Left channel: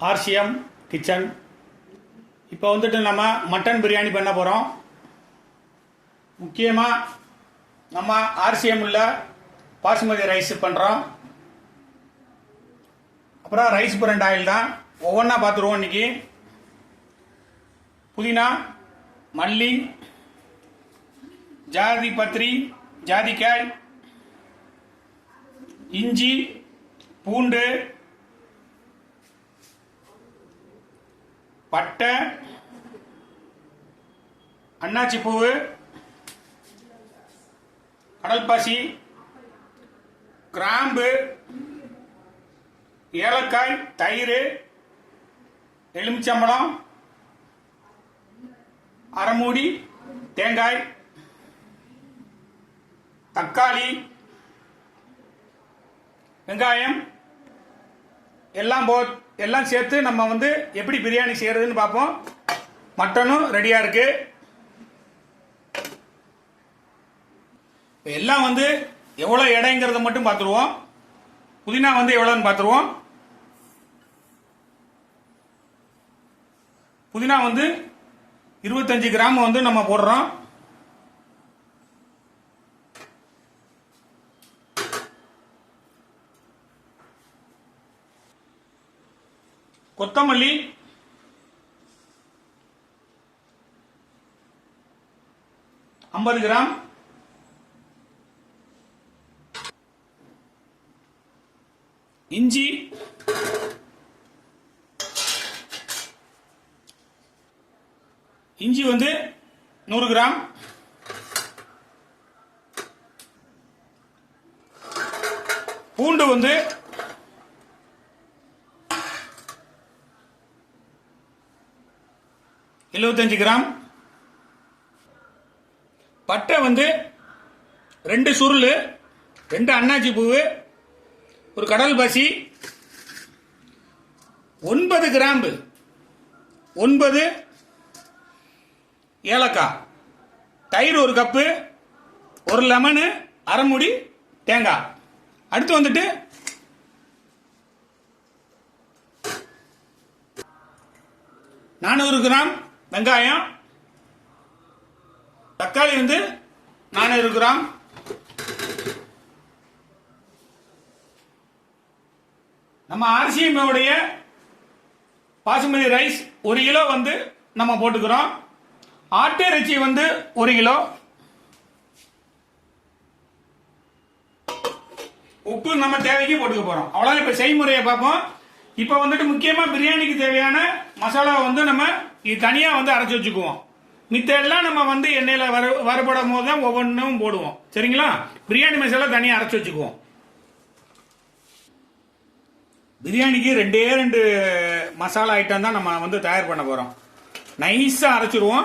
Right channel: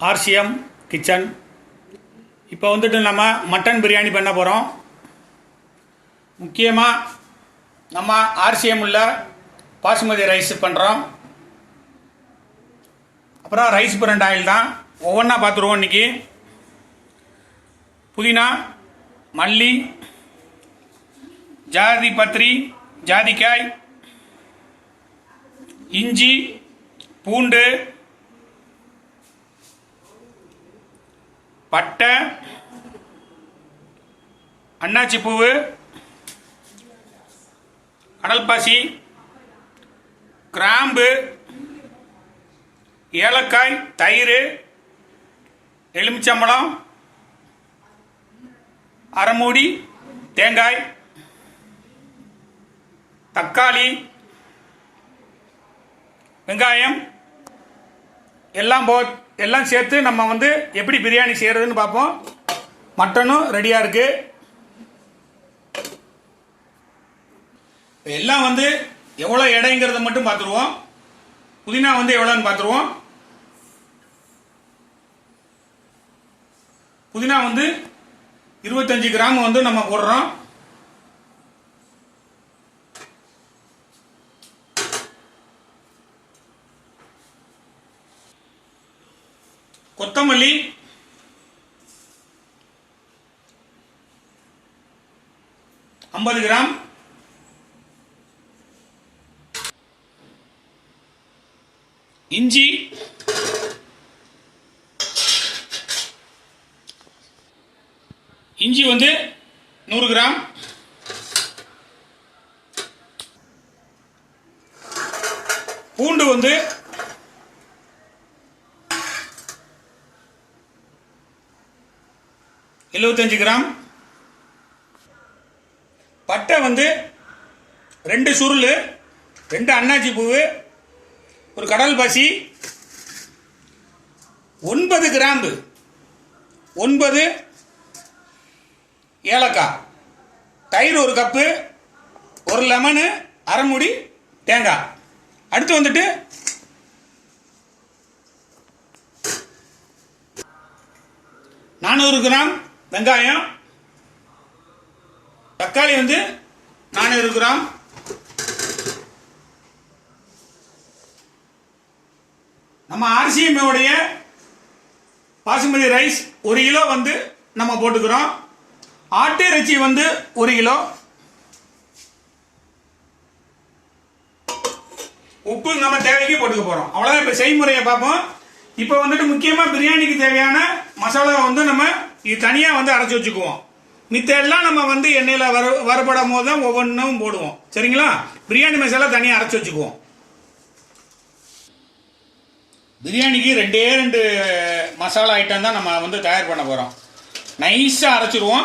RCM kitchen. இப்போ வந்துட்டு நம்ம மட்டன் பிரியாணி பண்ண போகிறோம். முக்கியமாக நம்ம ஆர்சிஎம் உள்ள பாசுமதி ரைஸ் பண்ணுறோம். அப்புறம் ரைஸ் பிரண்ட் ஆயில் தான். ஒவ்வொன்றா பார்த்துருவோம் இன்றைக்கி. புதினா, மல்லி, ஜாதி பத்திரி, ஜாதிக்காய், இஞ்சி, பூண்டு, பட்டை, அன்னாச்சி பூவு, கடல்பாசி, கிராம்பு, ஏலக்காய், தயிர், எலுமிச்சம்பழம், அரைமூடி தேங்காய், தக்காளி, வெங்காயம் எல்லாம் சேர்த்து நம்ம வந்து எப்படி பிரியாணி செய்கிறதுன்னு பார்ப்போம். மட்டனும் ரெடியாக இருக்குது. எல்லாம் வந்து எவ்வளோ எடைங்கிறத மட்டும் பார்த்துருவோம். புதினா வந்து எவ்வளோன்னு பார்த்துருவோம். புதினா வந்து 25 கிராம் வந்து நம்ம போடுறோம். கொத்தமல்லி 50 கிராம், இஞ்சி வந்து 100 கிராம், பூண்டு வந்து 75 கிராம், பட்டை வந்து 2 சுருள், 2 அன்னாச்சி பூவு, ஒரு கடல் பாசி, 9 கிராம்பு, 9 ஏலக்காய், தயிர் 1 கப்பு, 1 லெமனு, அரைமுடி தேங்காய். அடுத்து வந்துட்டு நானூறு கிராம் வெங்காயம், தக்காளி வந்து 400 கிராம், நம்ம ஆர்சிஎம் உடைய பாசுமதி ரைஸ் 1 கிலோ வந்து நம்ம போட்டுக்கிறோம். ஆட்டு இறைச்சி வந்து 1 கிலோ, உப்பு நம்ம தேவைக்கு போட்டுக்க போறோம். அவ்வளவுதான். இப்ப செய்முறையை பார்ப்போம். இப்போ வந்துட்டு முக்கியமா பிரியாணிக்கு தேவையான மசாலா வந்து நம்ம இது தனியா வந்து அரைச்சி வச்சுக்குவோம். மித்த எல்லாம் நம்ம வந்து எண்ணெயில வறுபடும் போது தான் ஒவ்வொன்றும் போடுவோம். சரிங்களா? பிரியாணி மசாலா தனியா அரைச்சி வச்சுக்குவோம். பிரியாணிக்கு 2 மசாலா ஐட்டம் தான் நம்ம வந்து தயார் பண்ண போறோம். நைஸா அரைச்சிருவோம்.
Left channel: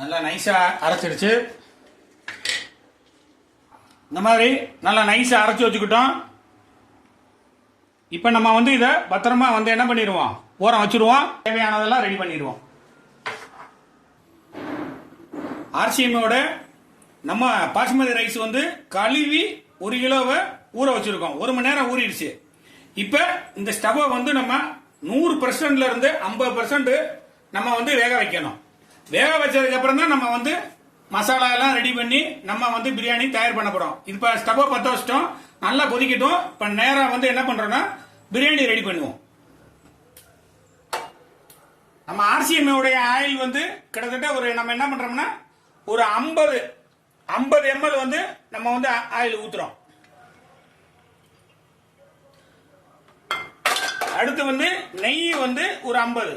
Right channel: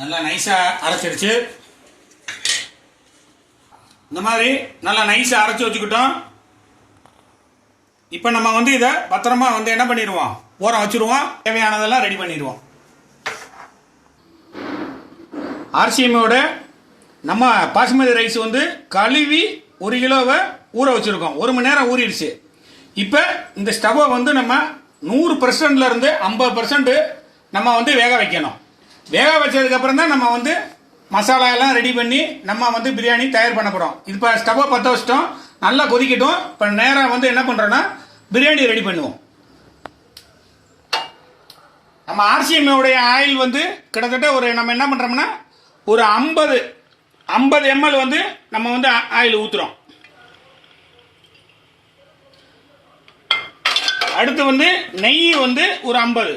நல்லா நைஸா அரைச்சிருச்சு. இந்த மாதிரி நல்லா நைஸா அரைச்சி வச்சுக்கிட்டோம். இப்போ நம்ம வந்து இதை பத்திரமா வந்து என்ன பண்ணிடுவோம், ஓரம் வச்சிருவோம். தேவையானதெல்லாம் ரெடி பண்ணிடுவோம். ஆர்சிஎம்மோட நம்ம பாசுமதி ரைஸ் வந்து கழுவி 1 கிலோவை ஊற வச்சிருக்கோம். 1 மணி நேரம் ஊறிடுச்சு. இப்போ இந்த ஸ்டவ்வை வந்து நம்ம 100% இருந்து 50% நம்ம வந்து வேக வைக்கணும். வேக வச்சதுக்கு அப்புறம் தான் நம்ம வந்து மசாலா எல்லாம் ரெடி பண்ணி நம்ம வந்து பிரியாணி தயார் பண்ண போறோம். இப்போ ஸ்டவ்வை பற்ற வச்சிட்டோம், நல்லா கொதிக்கட்டும். இப்போ நேரம் வந்து என்ன பண்றோம்னா பிரியாணி ரெடி பண்ணுவோம். நம்ம ஆர்சிஎம் உடைய ஆயில் வந்து கிட்டத்தட்ட நம்ம என்ன பண்றோம்னா ஒரு 50 ml வந்து நம்ம வந்து ஆயில் ஊத்துறோம். அடுத்து வந்து நெய் வந்து ஒரு 50.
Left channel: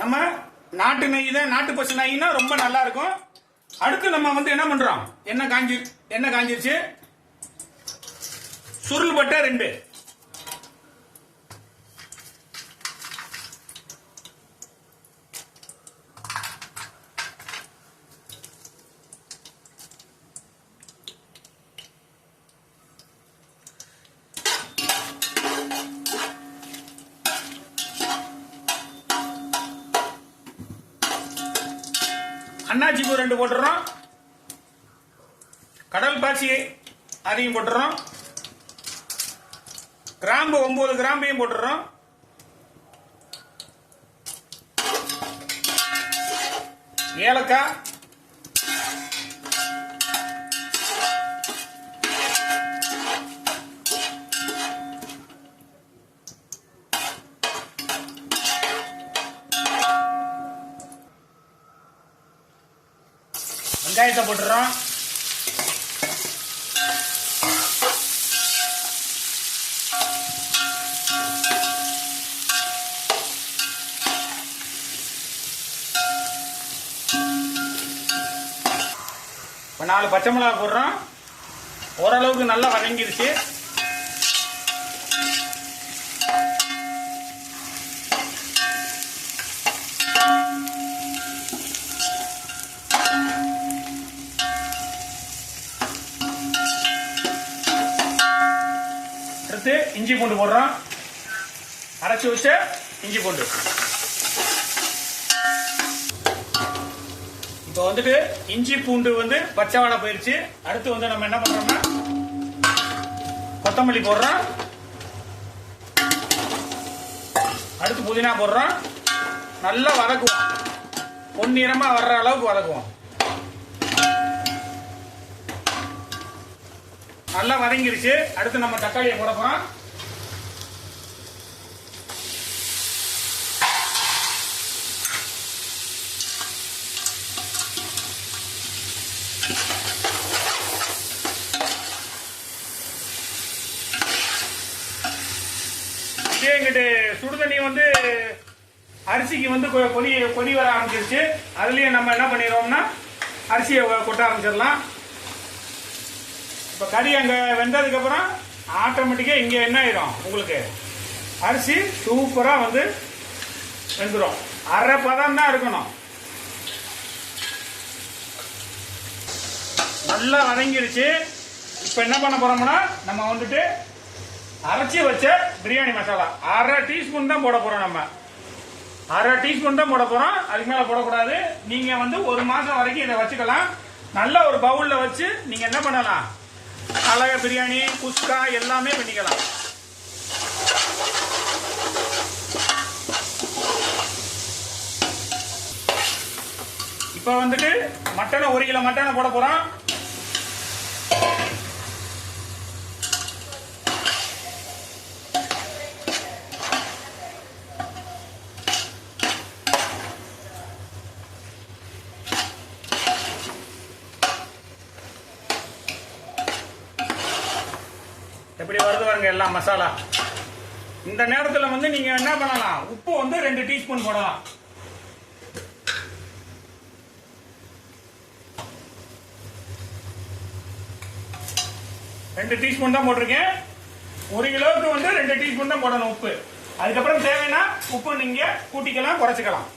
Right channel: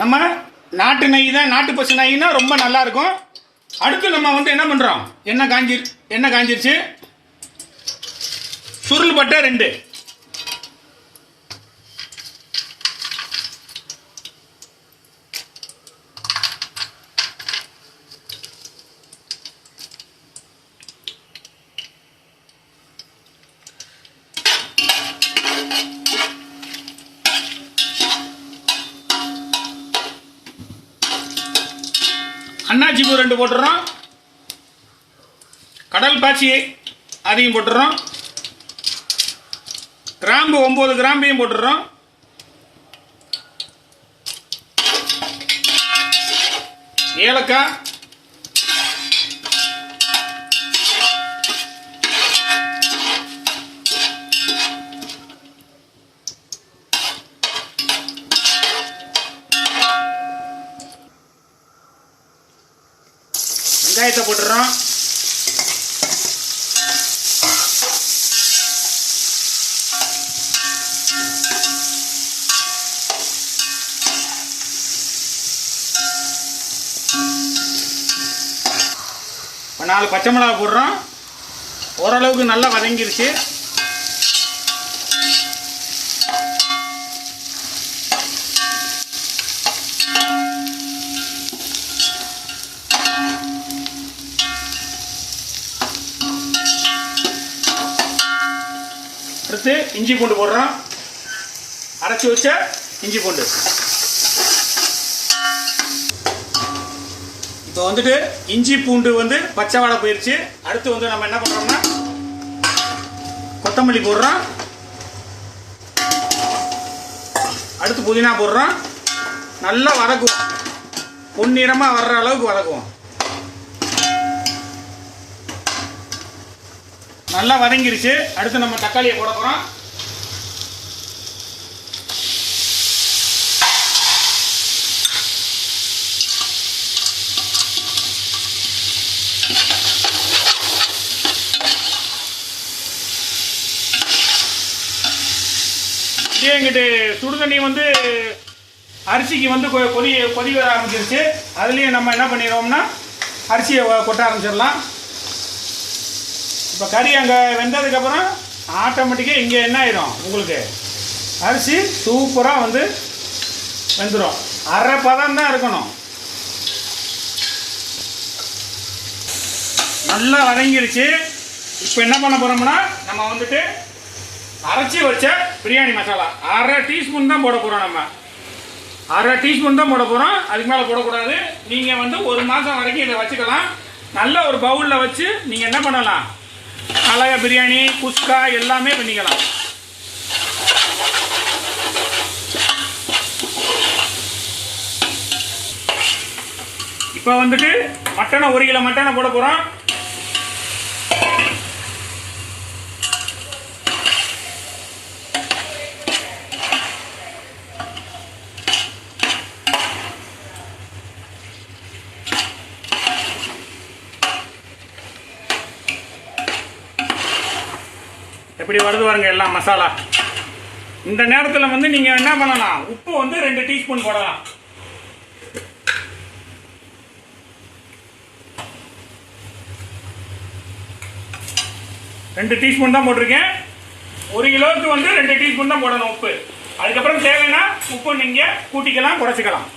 நம்ம நாட்டு நெய் தான், நாட்டு பசு நெய்னா ரொம்ப நல்லா இருக்கும். அடுத்து நம்ம வந்து என்ன பண்றோம், எண்ணெய் காஞ்சிருச்சு. சுருள் பட்டை 2, அன்னாச்சி பூ 2 போட்டுறோம். கடல் பாசி அதையும் போட்டுறோம். கிராம்பு 9 கிராம்பையும் போட்டுறோம். ஏலக்காய், வெங்காயத்தை போட்டுறோம். இப்போ 4 பச்சை மிளகாய் போடுறோம். ஓரளவுக்கு நல்லா வதங்கிருச்சு. அடுத்து இஞ்சி பூண்டு போடுறோம். அரைச்சி வச்ச இஞ்சி பூண்டு. இப்போ வந்துட்டு இஞ்சி பூண்டு வந்து பச்சை வாடை போயிடுச்சு. அடுத்து வந்து நம்ம என்ன பண்றோம்னா கொத்தமல்லி போடுறோம். அடுத்து புதினா போடுறோம். நல்லா வதக்குவோம். பொன்னிறமா வர்ற அளவுக்கு வதக்குவோம். நல்லா வதங்கிருச்சு. அடுத்து நம்ம தக்காளியை போட போறோம். எங்கிட்டு சுடுதண்ணி வந்து அரிசிக்கு வந்து கொதி வர ஆரம்பிச்சிருச்சு. அதுலேயே நம்ம என்ன பண்ணிடுவோம்னா அரிசியை கொட்ட ஆரம்பிச்சிடலாம். இப்போ கறி அங்கே வெந்ததுக்கப்புறம் ஆட்டோமேட்டிக்காக இங்கே என்ன ஆயிடும், உங்களுக்கு அரிசி சூப்பராக வந்து வெந்துடும். அரை பதம் தான் இருக்கணும். நல்லா வதங்கிருச்சு. இப்போ என்ன பண்ண போகிறோம்னா நம்ம வந்துட்டு அரைச்சி வச்ச பிரியாணி மசாலா 1/2 டீஸ்பூன் தான் போட போகிறோம். நம்ம 1/2 டீஸ்பூன் தான் போட போகிறோம். அதுக்கு மேலே போடக்கூடாது. நீங்கள் வந்து 1 மாதம் வரைக்கும் இதை வச்சுக்கலாம். நல்ல ஒரு பவுலில் வச்சு நீங்கள் என்ன பண்ணலாம், அழகா பிரியாணி, குஸ்கா எல்லாமே பண்ணிக்கலாம். இப்போ வந்துட்டு மட்டனை 1 கிலோ மட்டனை போட போகிறோம். எப்படி வருது பாருங்க எல்லாம் மசாலா. இந்த நேரத்தில் வந்து நீங்க என்ன பண்ணலாம், உப்பு வந்து 2 டீஸ்பூன் போடலாம். ரெண்டு டீஸ்பூன் தான் போட்டிருக்கேன். 1 கிலோவுக்கு வந்து 2 டீஸ்பூன் தான் போடணும் உப்பு. அதுக்கப்புறம் தேவைன்னா உப்பு நீங்க கூட்டிக்கலாம், குறைச்சிக்கலாம்.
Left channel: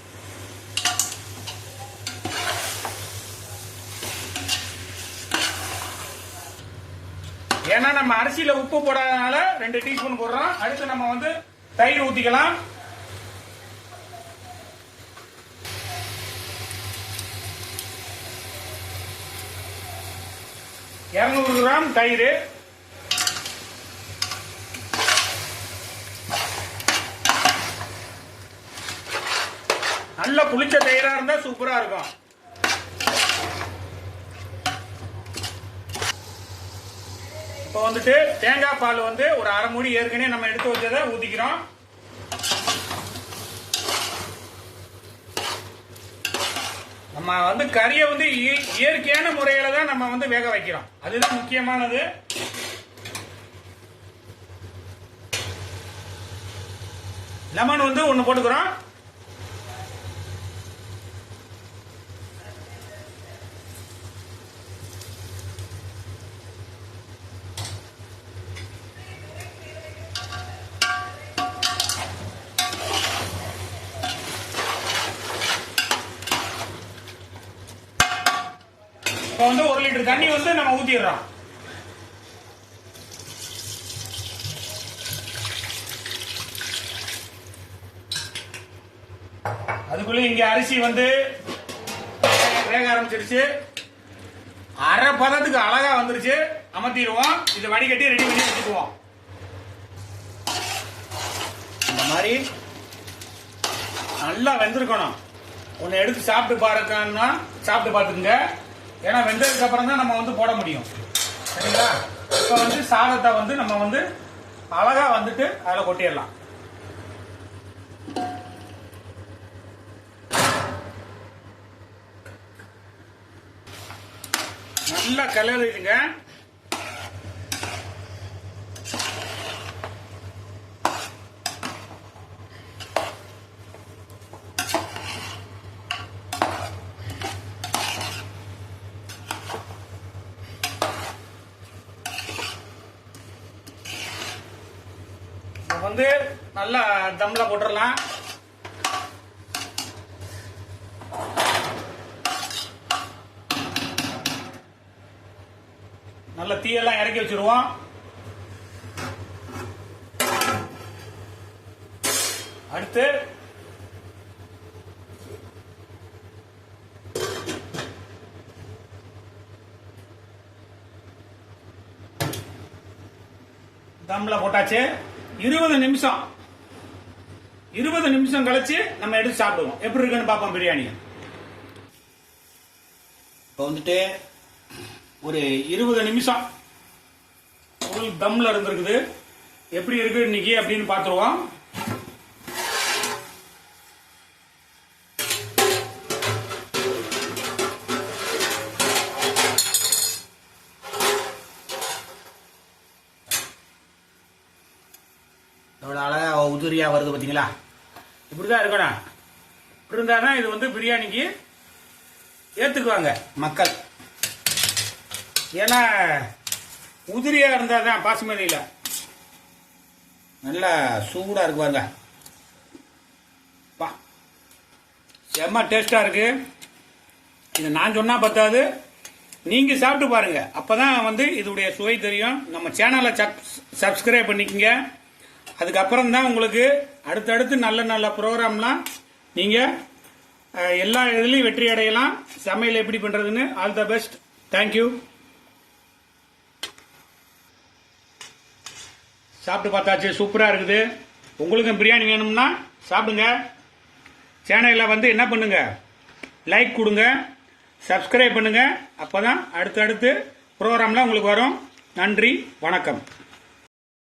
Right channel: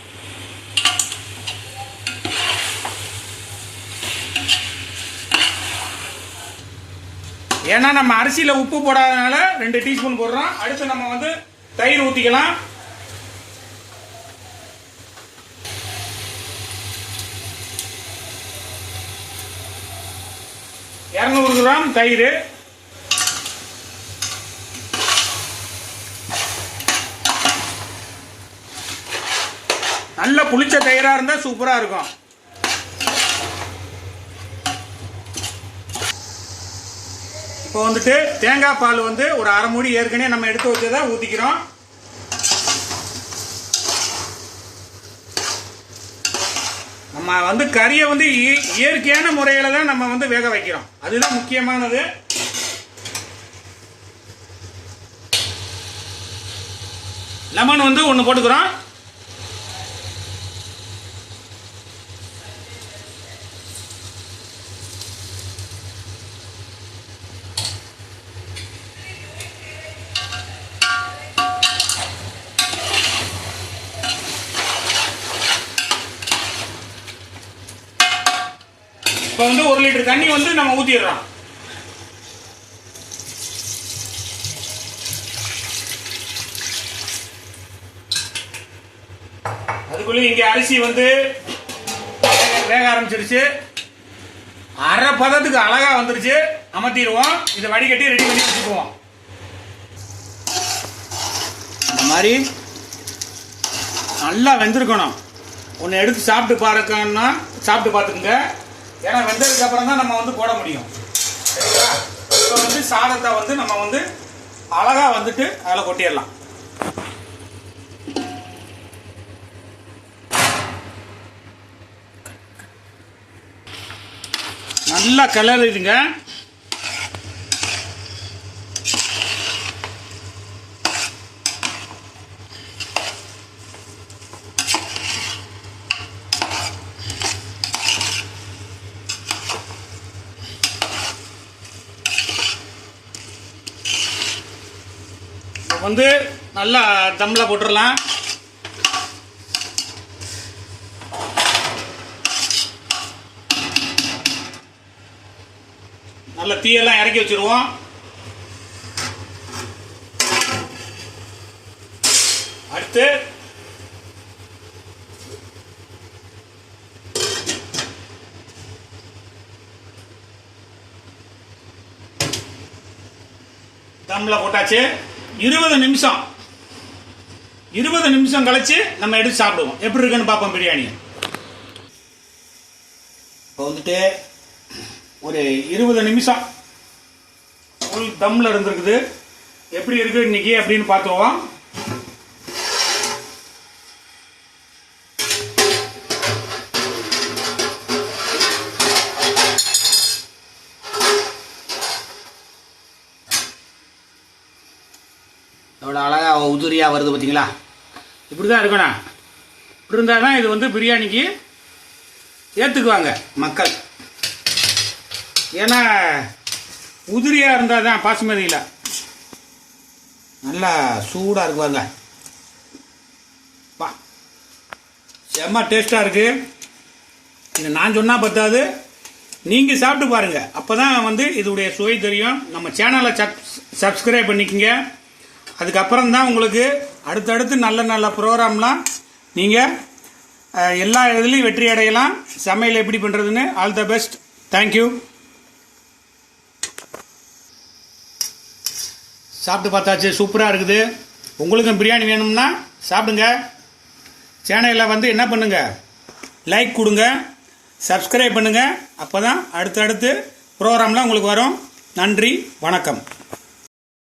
ஏன்னா நம்ம அரிசியில உப்பு போடாதனால 2 டீஸ்பூன் போடுறோம். அடுத்து நம்ம வந்து தயிர் ஊத்திக்கலாம். கிராம் தயிர். நல்ல புளிச்ச தயிரா இருந்தா சூப்பரா இருக்கும். இப்போ வந்துட்டு தேங்காய் பால் வந்து ஒரு 1/2 மூடி ஏற்கனவே நம்ம எடுத்து வச்சதை ஊத்திக்கிறோம். நம்ம வந்து கறியை வந்து இயற்கையான முறையில தான் நம்ம வந்து வேக வைக்கிறோம். அதுதான் முக்கியமானது. லெமன் வந்து 1 போட்டுக்கிறோம். இப்போ வந்து 1 லிட்டர் தண்ணி வந்து நம்ம ஊத்திடுறோம். அதுக்குள்ள இங்க அரிசி வந்து வேக ஆரம்பிச்சிருச்சு. அரை பதத்துக்கு அழகா வந்துருச்சு. அமர்த்திடுவோம். இதை வடிகட்டி ரெடி பண்ணி வச்சுக்குவோம். இந்த மாதிரி நல்லா வெந்திருக்கணும். ஒன்று எடுத்து சாப்பிட்டு பாருக்கன்னா சாப்பிட்டு பார்த்துக்குங்க. ஏன்னா வெந்ததுக்கு அப்புறம் தான் நம்ம வந்து போட முடியும். சரிங்களா? இப்போ வந்து சாதத்தை வந்து நம்ம வந்து அழகா வந்துட்டு அதில் கொட்டிடலாம். நல்லா கிளறிடுங்க. வந்து நல்லா தம்ல போட்டுடலாம். நல்ல தீயெல்லாம் இறக்கி வச்சிருவோம். அடுத்து தம்ல போட்டாச்சு. 20 நிமிஷம் கழிச்சு நம்ம எடுத்து சாப்பிடுவோம். எப்படி இருக்குன்னு பார்ப்போம் பிரியாணி. இப்போ வந்துட்டு ஒரு 20 நிமிஷம் ஃபுல் தம்ல இருந்திருக்குது. எப்படி இருக்கு இன்னைக்கு அப்படின்னு பார்த்துருவோம். எவ்வளோ அழகா உதிரியா வருது பார்த்தீங்களா? இப்படிதான் இருக்கணும். இப்படி இருந்தால் தான் இது வந்து பிரியாணிக்கு ஏற்றுக்குவாங்க மக்கள். ஏன்னா உதிரியா இருந்தால் தான் பாசுமதியில் நல்லா சூடாக இருக்குவாங்க. பா செம்ம டேஸ்டாக இருக்கு. இது நான் சொன்னால் பத்தாது, நீங்கள் சாப்பிட்டு பாருங்கள். அப்போ தான் வந்து இதோடைய சுவை தெரியும். நம்ம சேனலை சப்ஸ்கிரைப் பண்ணிக்கோங்க. அதுக்கப்புறம் தான் உங்களுக்கு அடுத்தடுத்து நல்ல நல்ல ப்ரோக்ராம்லாம் நீங்கள் எல்லா இதுலேயும் வெற்றி அடையலாம். சமையல் எப்படி பண்ணுறதுன்னு. All the best. தேங்க்யூ. சாப்பிட்டு பார்த்தாச்சு. சூப்பராக இருக்குது. உங்களுக்கும் பிரியாணி வேணும்னா சாப்பிடுங்க. சேனலில் வந்து என்ன பண்ணுங்கள், லைக் கொடுங்க, சப்ஸ்கிரைப் பண்ணுங்கள். அப்போ தான் அடுத்தடுத்து ப்ரோக்ராம்லாம் உங்களுக்கு வரும். நன்றி, வணக்கம்.